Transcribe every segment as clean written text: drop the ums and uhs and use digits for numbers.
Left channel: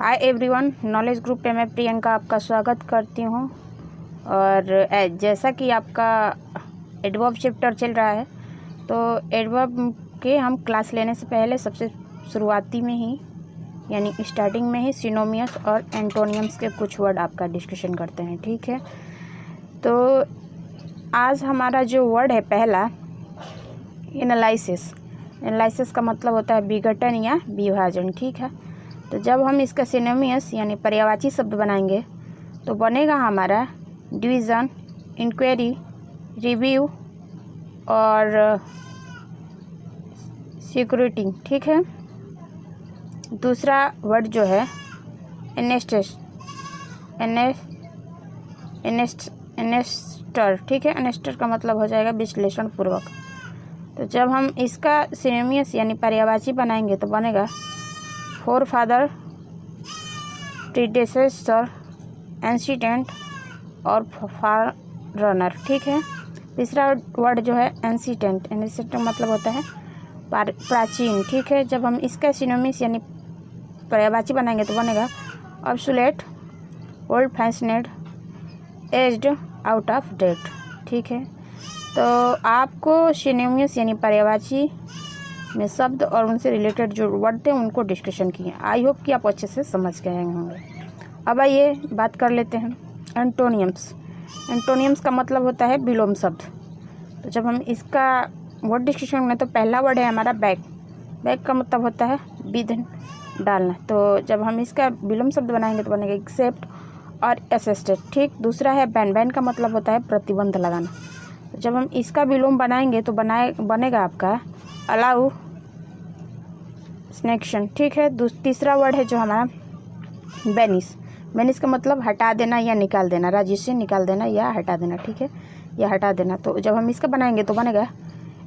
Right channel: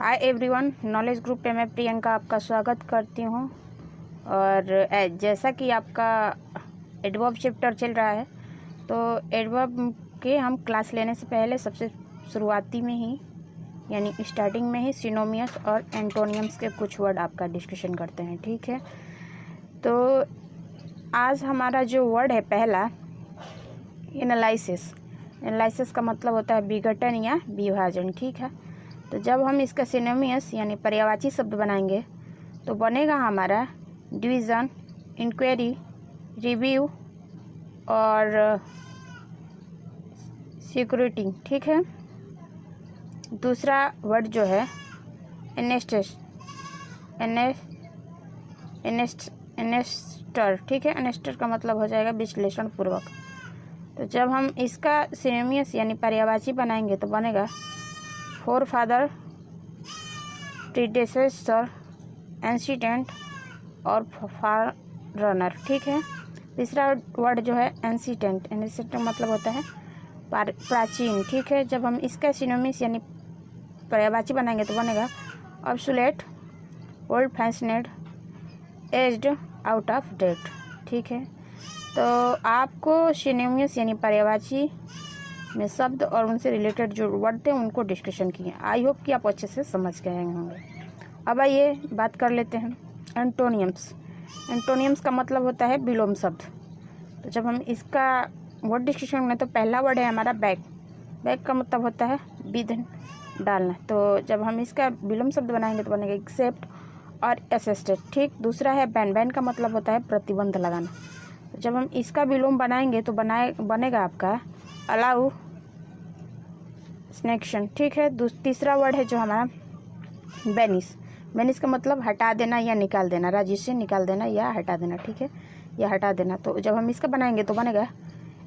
Hi everyone, knowledge group पे मैं प्रियंका आपका स्वागत करती हूँ। और जैसा कि आपका एडवर्ब चैप्टर चल रहा है, तो एडवर्ब के हम क्लास लेने से पहले सबसे शुरुआती में ही यानी स्टार्टिंग में ही सिनोनिम्स और एंटोनियम्स के कुछ वर्ड आपका डिस्कशन करते हैं। ठीक है, तो आज हमारा जो वर्ड है पहला, एनालिसिस। एनालिसिस का मतलब होता है विघटन या विभाजन। ठीक है, तो जब हम इसका सिनोनिम्स यानी पर्यायवाची शब्द बनाएंगे तो बनेगा हमारा डिवीज़न, इंक्वायरी, रिव्यू और सिक्योरिटी। ठीक है, दूसरा वर्ड जो है एनेस्टर। ठीक है, एनेस्टर का मतलब हो जाएगा विश्लेषण पूर्वक। तो जब हम इसका सिनोनिम्स यानी पर्यायवाची बनाएंगे तो बनेगा फोरफादर, प्रीडेसेसर, एंसीडेंट और फार रनर। ठीक है, तीसरा वर्ड जो है एंसीडेंट। एंसीडेंट मतलब होता है प्राचीन। ठीक है, जब हम इसका सिनोनिम्स यानी पर्यायवाची बनाएंगे तो बनेगा obsolete, old fashioned, aged, out of date. ठीक है, तो आपको सिनोनिम्स यानी पर्यायवाची में शब्द और उनसे रिलेटेड जो वर्ड थे उनको डिस्कशन किए। आई होप कि आप अच्छे से समझ गए होंगे। अब आइए बात कर लेते हैं एंटोनियम्स। एंटोनियम्स का मतलब होता है विलोम शब्द। तो जब हम इसका वर्ड डिस्कशन में, तो पहला वर्ड है हमारा बैक। बैक का मतलब होता है विध, डालना। तो जब हम इसका विलोम शब्द बनाएंगे तो बनेगा एक्सेप्ट और असिस्टेड। ठीक, दूसरा है बैन। बैन का मतलब होता है प्रतिबंध लगाना। तो जब हम इसका विलोम बनाएंगे तो बनेगा आपका अलाउ, स्नेक्शन। ठीक है, तीसरा वर्ड है जो हमारा बेनिस। बेनिस का मतलब हटा देना या निकाल देना, राज्य से निकाल देना या हटा देना। ठीक है, या हटा देना। तो जब हम इसका बनाएंगे तो बनेगा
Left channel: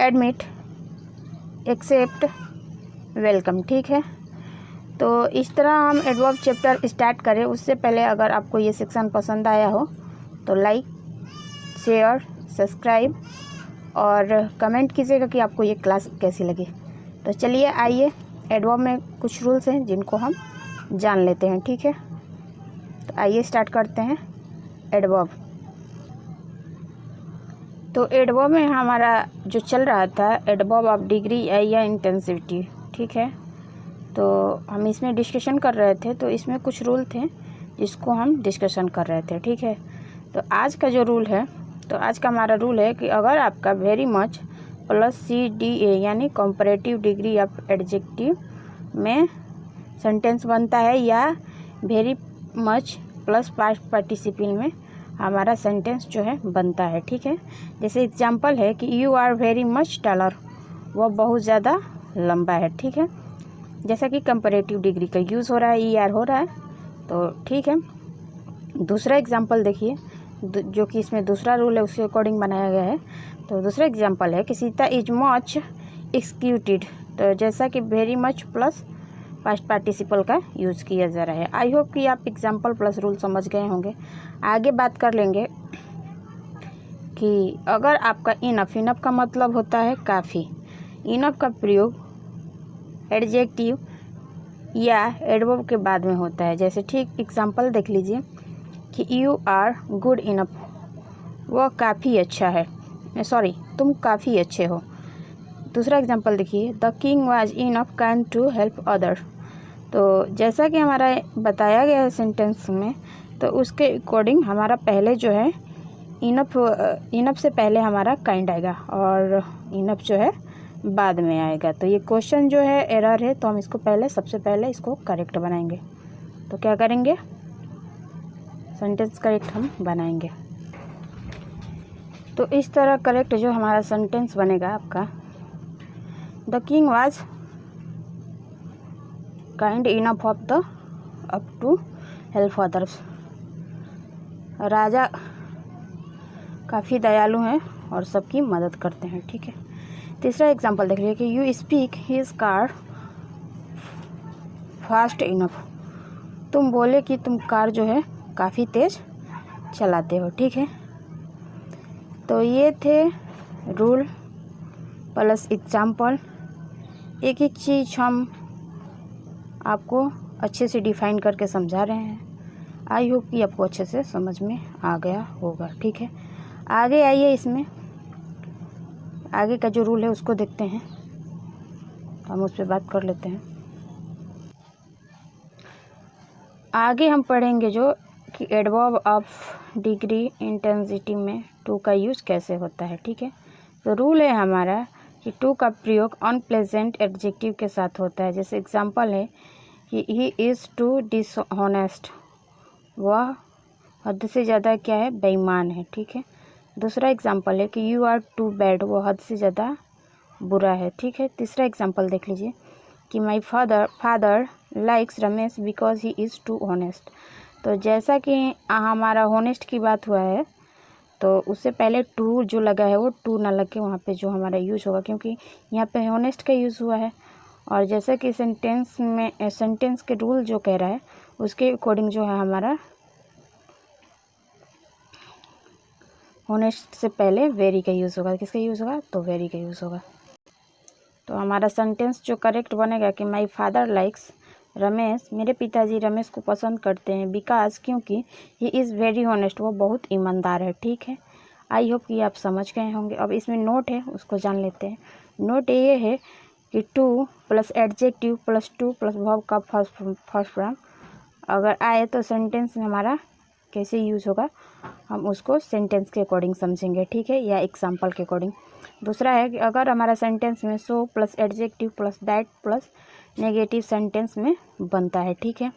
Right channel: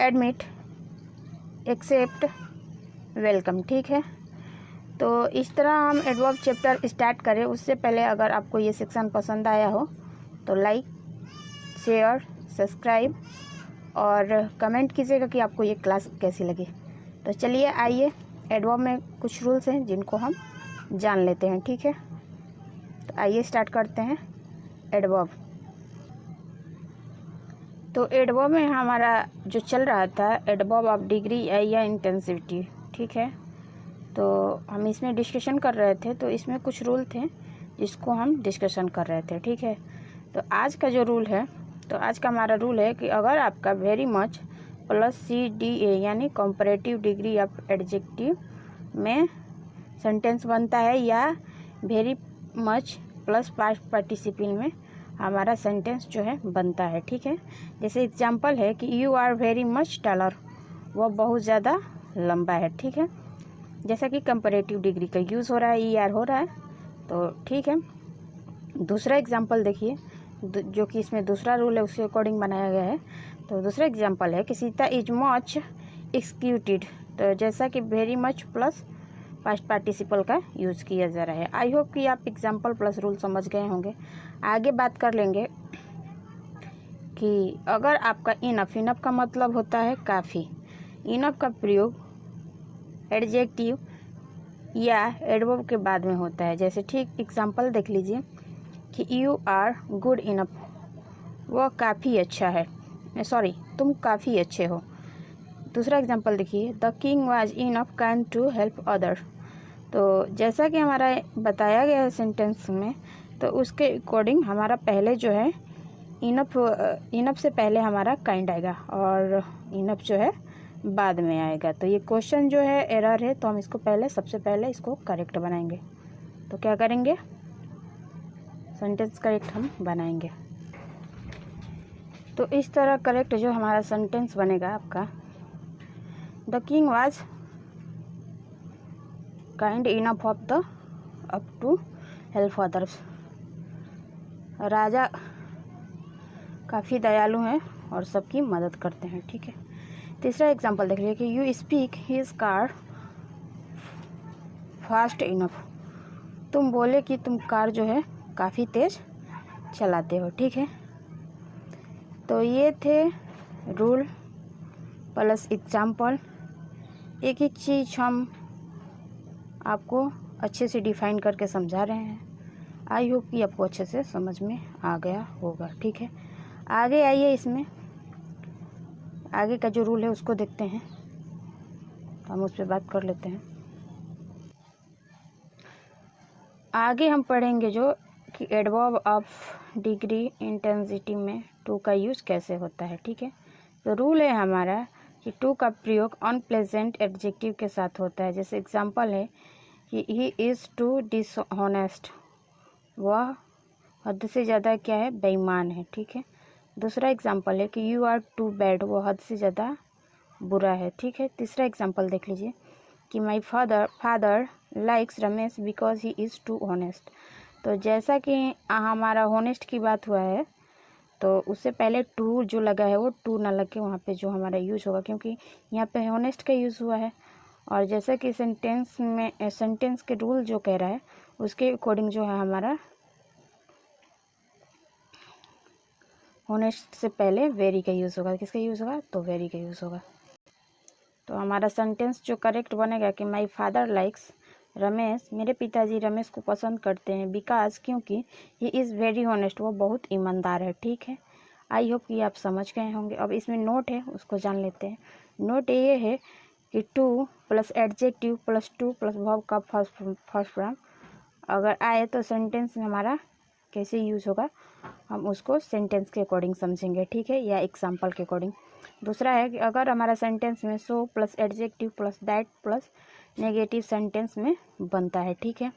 एडमिट, एक्सेप्ट, वेलकम। ठीक है, तो इस तरह हम एडवर्ब चैप्टर स्टार्ट करें। उससे पहले अगर आपको ये सेक्शन पसंद आया हो तो लाइक, शेयर, सब्सक्राइब और कमेंट कीजिएगा कि आपको ये क्लास कैसी लगी। तो चलिए आइए, एडवर्ब में कुछ रूल्स हैं जिनको हम जान लेते हैं। ठीक है, तो आइए स्टार्ट करते हैं एडवर्ब। तो एडवर्ब में हमारा जो चल रहा था एडवर्ब ऑफ डिग्री या इंटेंसिटी। ठीक है, तो हम इसमें डिस्कशन कर रहे थे, तो इसमें कुछ रूल थे जिसको हम डिस्कशन कर रहे थे। ठीक है, तो आज का जो रूल है, तो आज का हमारा रूल है कि अगर आपका वेरी मच प्लस CDA यानी कंपैरेटिव डिग्री ऑफ एडजेक्टिव में सेंटेंस बनता है, या very much plus past participle में हमारा सेंटेंस जो है बनता है। ठीक है, जैसे एग्जांपल है कि you are very much taller, वह बहुत ज़्यादा लंबा है। ठीक है, जैसा कि कंपैरेटिव डिग्री का यूज़ हो रहा है, ER हो रहा है। तो ठीक है, दूसरा एग्जांपल देखिए, जो कि इसमें दूसरा रूल है उसके अकॉर्डिंग बनाया गया है। तो दूसरा एग्जांपल है कि सीता इज मच एक्सक्यूटेड। तो जैसा कि very much plus past participle का यूज़ किया जा रहा है। आई होप कि आप एग्जांपल प्लस रूल समझ गए होंगे। आगे बात कर लेंगे कि अगर आपका इनफ, इनफ का मतलब होता है काफ़ी। इनफ का प्रयोग एडजेक्टिव या एडवर्ब के बाद में होता है। जैसे ठीक एग्जांपल देख लीजिए कि यू आर गुड इनफ, वह काफ़ी अच्छा है, सॉरी तुम काफ़ी अच्छे हो। दूसरा एग्जांपल देखिए, the king was enough kind to help other. तो जैसा कि हमारा बताया गया है सेंटेंस में, तो उसके अकॉर्डिंग हमारा पहले जो है इनफ से पहले हमारा काइंड आएगा और इनफ जो है बाद में आएगा। तो ये क्वेश्चन जो है एरर है, तो हम इसको सबसे पहले इसको करेक्ट बनाएंगे। तो क्या करेंगे, सेंटेंस करेक्ट हम बनाएंगे। तो इस तरह करेक्ट जो हमारा सेंटेंस बनेगा आपका, the king was kind enough up to help others. राजा काफ़ी दयालु हैं और सबकी मदद करते हैं। ठीक है, तीसरा एग्जांपल देख लीजिए कि you speak his car fast enough. तुम बोले कि तुम कार जो है काफ़ी तेज़ चलाते हो। ठीक है, तो ये थे रूल प्लस एग्जांपल। एक एक चीज़ हम आपको अच्छे से डिफाइन करके समझा रहे हैं। आई होप कि आपको अच्छे से समझ में आ गया होगा। ठीक है, आगे आइए, इसमें आगे का जो रूल है उसको देखते हैं, हम उस पर बात कर लेते हैं। आगे हम पढ़ेंगे जो कि एडवर्ब ऑफ डिग्री इंटेंसिटी में टू का यूज़ कैसे होता है। ठीक है, तो रूल है हमारा कि टू का प्रयोग अनप्लेजेंट एडजेक्टिव के साथ होता है। जैसे एग्जांपल है कि ही इज़ टू डिसऑनेस्ट, वह हद से ज़्यादा क्या है, बेईमान है। ठीक है, दूसरा एग्जांपल है कि यू आर टू बैड, वो हद से ज़्यादा बुरा है। ठीक है, तीसरा एग्जांपल देख लीजिए कि my father likes Ramesh because he is too honest. तो जैसा कि हमारा होनेस्ट की बात हुआ है, तो उससे पहले टू जो लगा है वो टू ना लग के वहाँ पे जो हमारा यूज़ होगा, क्योंकि यहाँ पे होनेस्ट का यूज़ हुआ है। और जैसा कि सेंटेंस के रूल जो कह रहा है उसके अकॉर्डिंग जो है हमारा होनेस्ट से पहले वेरी का यूज़ होगा। किसका यूज़ होगा, तो वेरी का यूज़ होगा। तो हमारा सेंटेंस जो करेक्ट बनेगा कि माई फादर लाइक्स रमेश, मेरे पिताजी रमेश को पसंद करते हैं, बिकॉज क्योंकि ही इज़ वेरी ऑनेस्ट, वो बहुत ईमानदार है। ठीक है, आई होप कि आप समझ गए होंगे। अब इसमें नोट है, उसको जान लेते हैं। नोट ये है कि two plus adjective plus two plus verb का फर्स्ट फॉर्म अगर आए तो सेंटेंस में हमारा कैसे यूज़ होगा, हम उसको सेंटेंस के अकॉर्डिंग समझेंगे। ठीक है, या एग्जाम्पल के अकॉर्डिंग। दूसरा है कि अगर हमारा सेंटेंस में so plus adjective plus that plus negative sentence में बनता है। ठीक है,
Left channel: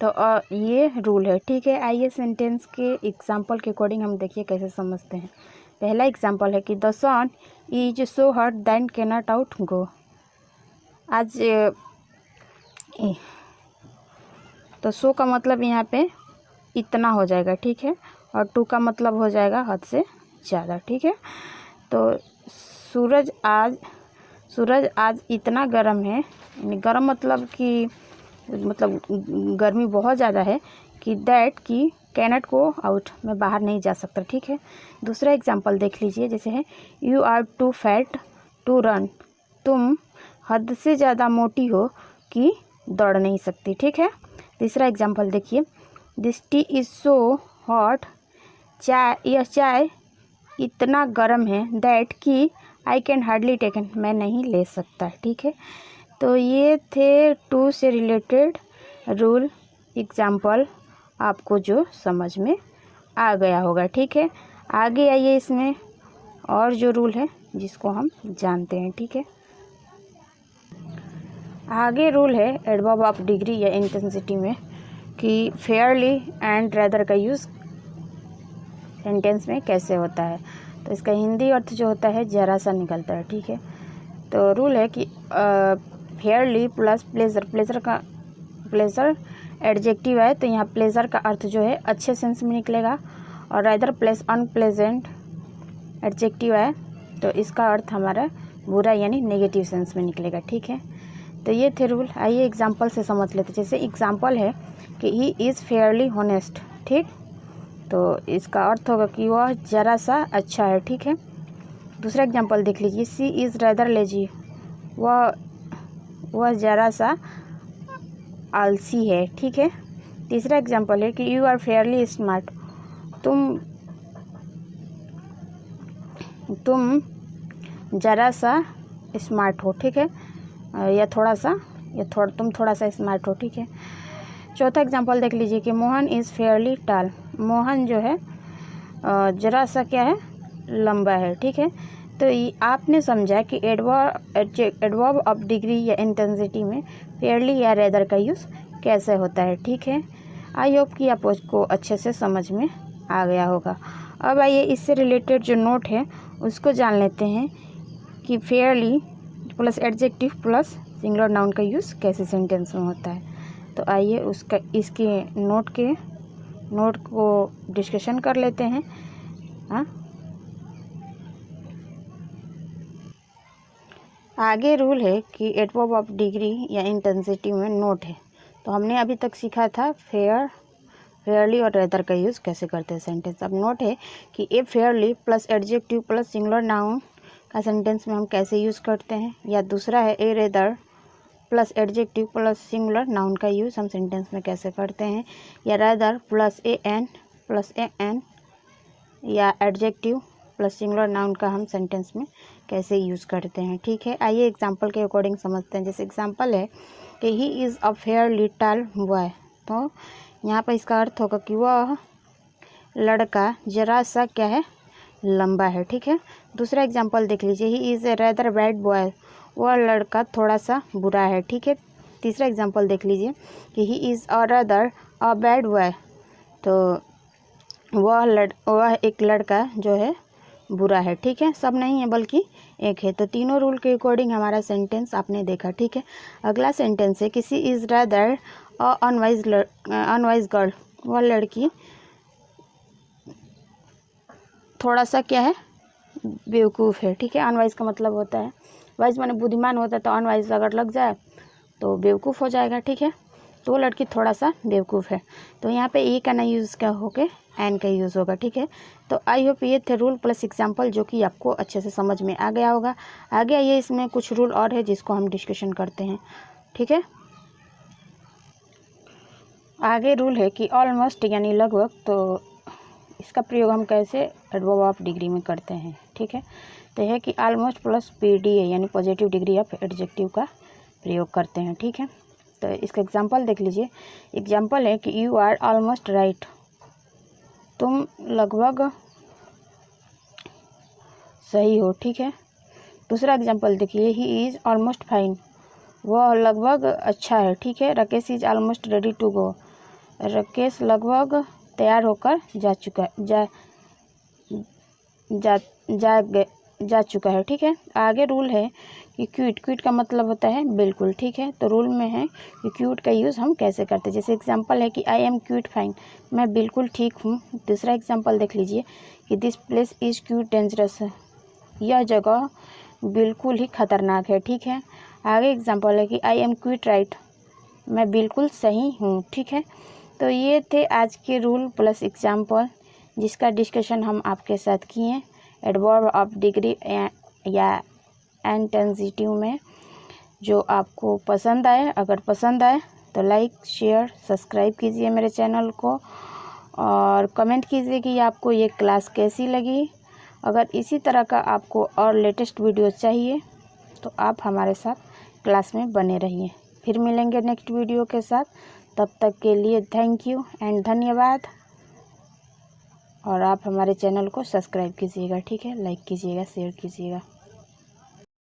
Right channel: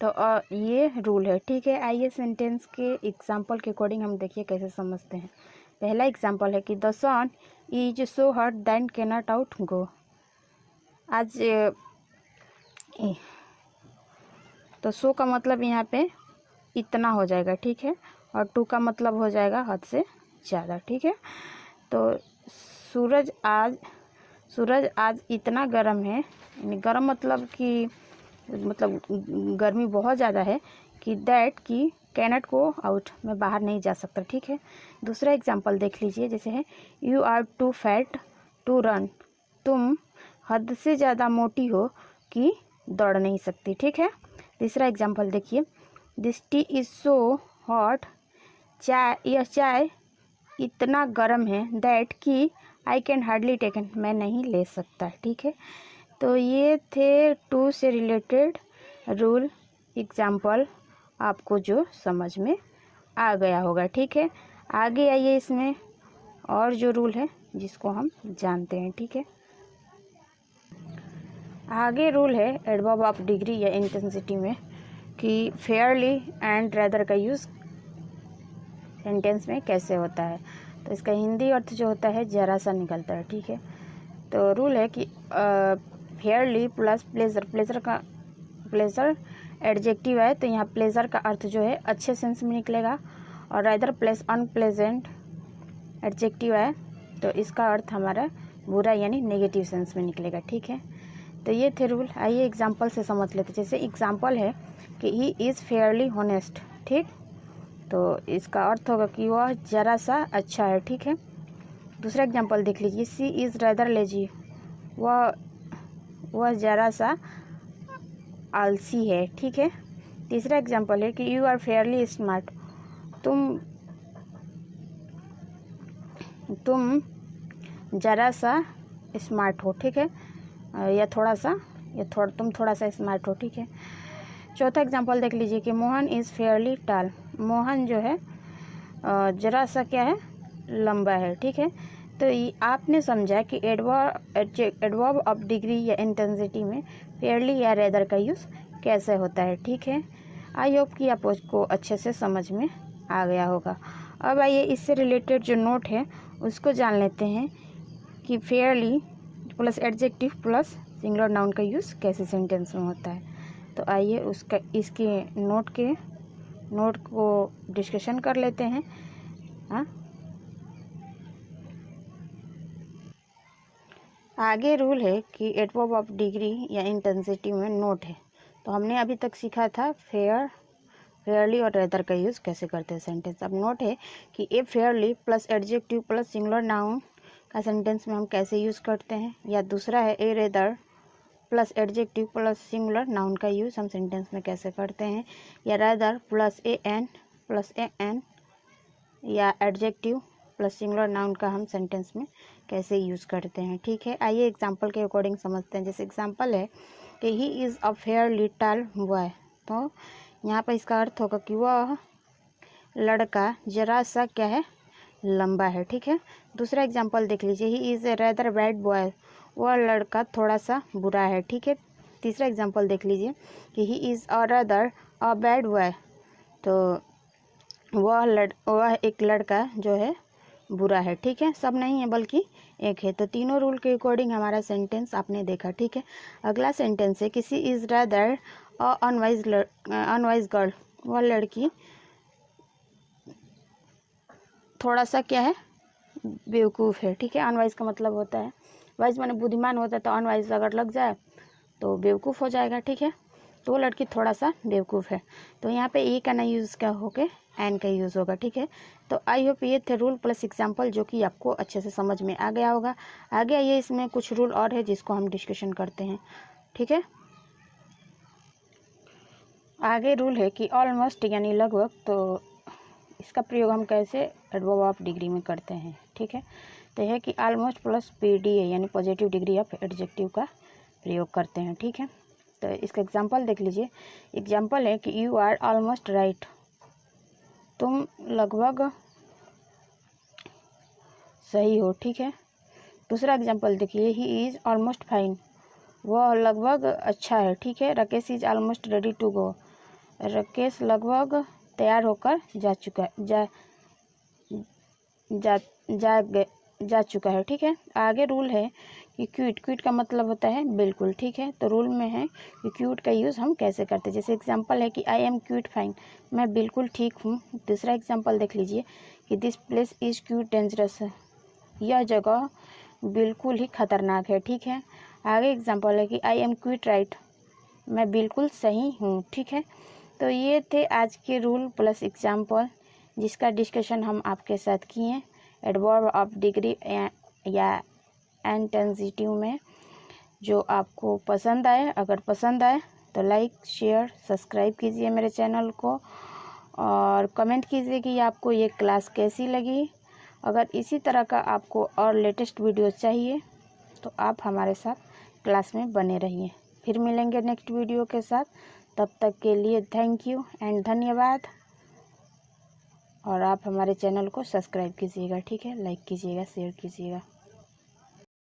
तो ये रूल है। ठीक है, आइए सेंटेंस के एग्जाम्पल के अकॉर्डिंग हम देखिए कैसे समझते हैं। पहला एग्जाम्पल है कि the sun is so hot than cannot out go. आज तो सो का मतलब यहाँ पे इतना हो जाएगा। ठीक है, और टू का मतलब हो जाएगा हद से ज़्यादा। ठीक है, तो सूरज आज इतना गर्म है, यानी गर्म मतलब कि गर्मी बहुत ज़्यादा है कि दैट की कैनट को आउट, में बाहर नहीं जा सकता। ठीक है, दूसरा एग्जांपल देख लीजिए, जैसे है you are too fat to run, तुम हद से ज़्यादा मोटी हो कि दौड़ नहीं सकती। ठीक है, तीसरा एग्जांपल देखिए, this T is so hot, यह चाय इतना गर्म है, दैट कि आई कैन हार्डली टेकन, मैं नहीं ले सकता। ठीक है, तो ये थे टू से रिलेटेड रूल एग्जाम्पल, आपको जो समझ में आ गया होगा। ठीक है, आगे आइए, इसमें और जो रूल है जिसको हम जानते हैं। ठीक है, आगे रूल है एडवर्ब ऑफ डिग्री या इंटेंसिटी में कि फेयरली एंड रेदर का यूज़ सेंटेंस में कैसे होता है। तो इसका हिंदी अर्थ जो होता है जरा सा निकलता है। ठीक है, तो रूल है कि फेयरली प्लस प्लेजर एडजेक्टिव है, तो यहाँ प्लेजर का अर्थ जो है अच्छे सेंस में निकलेगा, और रेदर प्लस अनप्लेजेंट एडजेक्टिव है तो इसका अर्थ हमारा बुरा यानी नेगेटिव सेंस में निकलेगा। ठीक है, तो ये थे रूल। आइए एग्जाम्पल से समझ लेते। जैसे एग्जाम्पल है कि ही इज़ फेयरली हॉनेस्ट। ठीक, तो इसका अर्थ होगा कि वह ज़रा सा अच्छा है। ठीक है, दूसरा एग्जांपल देख लीजिए, सी इज़ रेदर लेजी, वह ज़रा सा आलसी है। ठीक है, तीसरा एग्जांपल है कि यू आर फेयरली स्मार्ट, तुम ज़रा सा स्मार्ट हो। ठीक है, तुम थोड़ा सा स्मार्ट हो। ठीक है, चौथा एग्जांपल देख लीजिए कि मोहन इज़ फेयरली टाल, मोहन जो है ज़रा सा क्या है, लंबा है। ठीक है, तो आपने समझा कि एडवर्ब ऑफ डिग्री या इंटेंसिटी में फेयरली या रेदर का यूज़ कैसे होता है। ठीक है, आई होप कि आपको अच्छे से समझ में आ गया होगा। अब आइए इससे रिलेटेड जो नोट है उसको जान लेते हैं कि Fairlie plus adjective plus singular noun का यूज़ कैसे सेंटेंस में होता है। तो आइए इसके नोट को डिस्कशन कर लेते हैं। हाँ, आगे रूल है कि एडवर्ब ऑफ डिग्री या इंटेंसिटी में नोट है। तो हमने अभी तक सीखा था फेयरली और रेदर का यूज़ कैसे करते हैं सेंटेंस। अब नोट है कि a fairly plus adjective plus singular noun का सेंटेंस में हम कैसे यूज़ करते हैं, या दूसरा है a rather plus adjective plus singular noun का यूज़ हम सेंटेंस में कैसे करते हैं, या रादर प्लस ए एन या एडजेक्टिव प्लस सिंगुलर नाउन का हम सेंटेंस में कैसे यूज़ करते हैं। ठीक है, आइए एग्जांपल के अकॉर्डिंग समझते हैं। जैसे एग्जांपल है कि he is a fair little boy, तो यहाँ पर इसका अर्थ होगा कि वह लड़का जरा सा क्या है, लंबा है। ठीक है, दूसरा एग्जांपल देख लीजिए, he is a rather bad boy, वह लड़का थोड़ा सा बुरा है। ठीक है, तीसरा एग्जांपल देख लीजिए कि he is a rather a bad boy, तो वह एक लड़का जो है बुरा है। ठीक है, सब नहीं है बल्कि एक है। तो तीनों रूल के अकॉर्डिंग हमारा सेंटेंस आपने देखा। ठीक है, अगला सेंटेंस है किसी is rather a unwise girl, वह लड़की थोड़ा सा क्या है, बेवकूफ़ है। ठीक है, अनवाइज का मतलब होता है, वाइज माने बुद्धिमान होता है, तो अनवाइज अगर लग जाए तो बेवकूफ़ हो जाएगा। ठीक है, तो वो लड़की थोड़ा सा बेवकूफ़ है, तो यहाँ पे ई का ना यूज़ क्या होके एन का यूज़ होगा। ठीक है, तो आई होप ये थे रूल प्लस एग्जाम्पल जो कि आपको अच्छे से समझ में आ गया होगा। आगे आइए इसमें कुछ रूल और है जिसको हम डिस्कशन करते हैं। ठीक है, आगे रूल है कि ऑलमोस्ट यानी लगभग, तो इसका प्रयोग हम कैसे एडवर्ब ऑफ डिग्री में करते हैं। ठीक है, तो यह है कि ऑलमोस्ट प्लस पीडी है यानी पॉजिटिव डिग्री ऑफ एडजेक्टिव का प्रयोग करते हैं। ठीक है, तो इसका एग्जांपल देख लीजिए। एग्जांपल है कि यू आर ऑलमोस्ट राइट, तुम लगभग सही हो। ठीक है, दूसरा एग्जांपल देखिए, ही इज़ ऑलमोस्ट फाइन, वह लगभग अच्छा है। ठीक है, Rakesh is almost ready to go, Rakesh लगभग तैयार होकर जा चुका है। ठीक है, आगे रूल है कि क्यूट का मतलब होता है बिल्कुल। ठीक है, तो रूल में है कि क्यूट का यूज़ हम कैसे करते हैं। जैसे एग्जांपल है कि आई एम क्यूट फाइन, मैं बिल्कुल ठीक हूँ। दूसरा एग्जांपल देख लीजिए कि this place is cute dangerous, यह जगह बिल्कुल ही खतरनाक है। ठीक है, आगे एग्जांपल है कि आई एम क्यूट राइट, मैं बिल्कुल सही हूँ। ठीक है, तो ये थे आज के रूल प्लस एग्जाम्पल जिसका डिस्कशन हम आपके साथ किए एडवर्ब ऑफ डिग्री या इंटेंसिटिव में। जो आपको पसंद आए, अगर पसंद आए तो लाइक शेयर सब्सक्राइब कीजिए मेरे चैनल को, और कमेंट कीजिए कि आपको ये क्लास कैसी लगी। अगर इसी तरह का आपको और लेटेस्ट वीडियो चाहिए तो आप हमारे साथ क्लास में बने रहिए। फिर मिलेंगे नेक्स्ट वीडियो के साथ, तब तक के लिए थैंक यू एंड धन्यवाद। और आप हमारे चैनल को सब्सक्राइब कीजिएगा। ठीक है, लाइक कीजिएगा, शेयर कीजिएगा।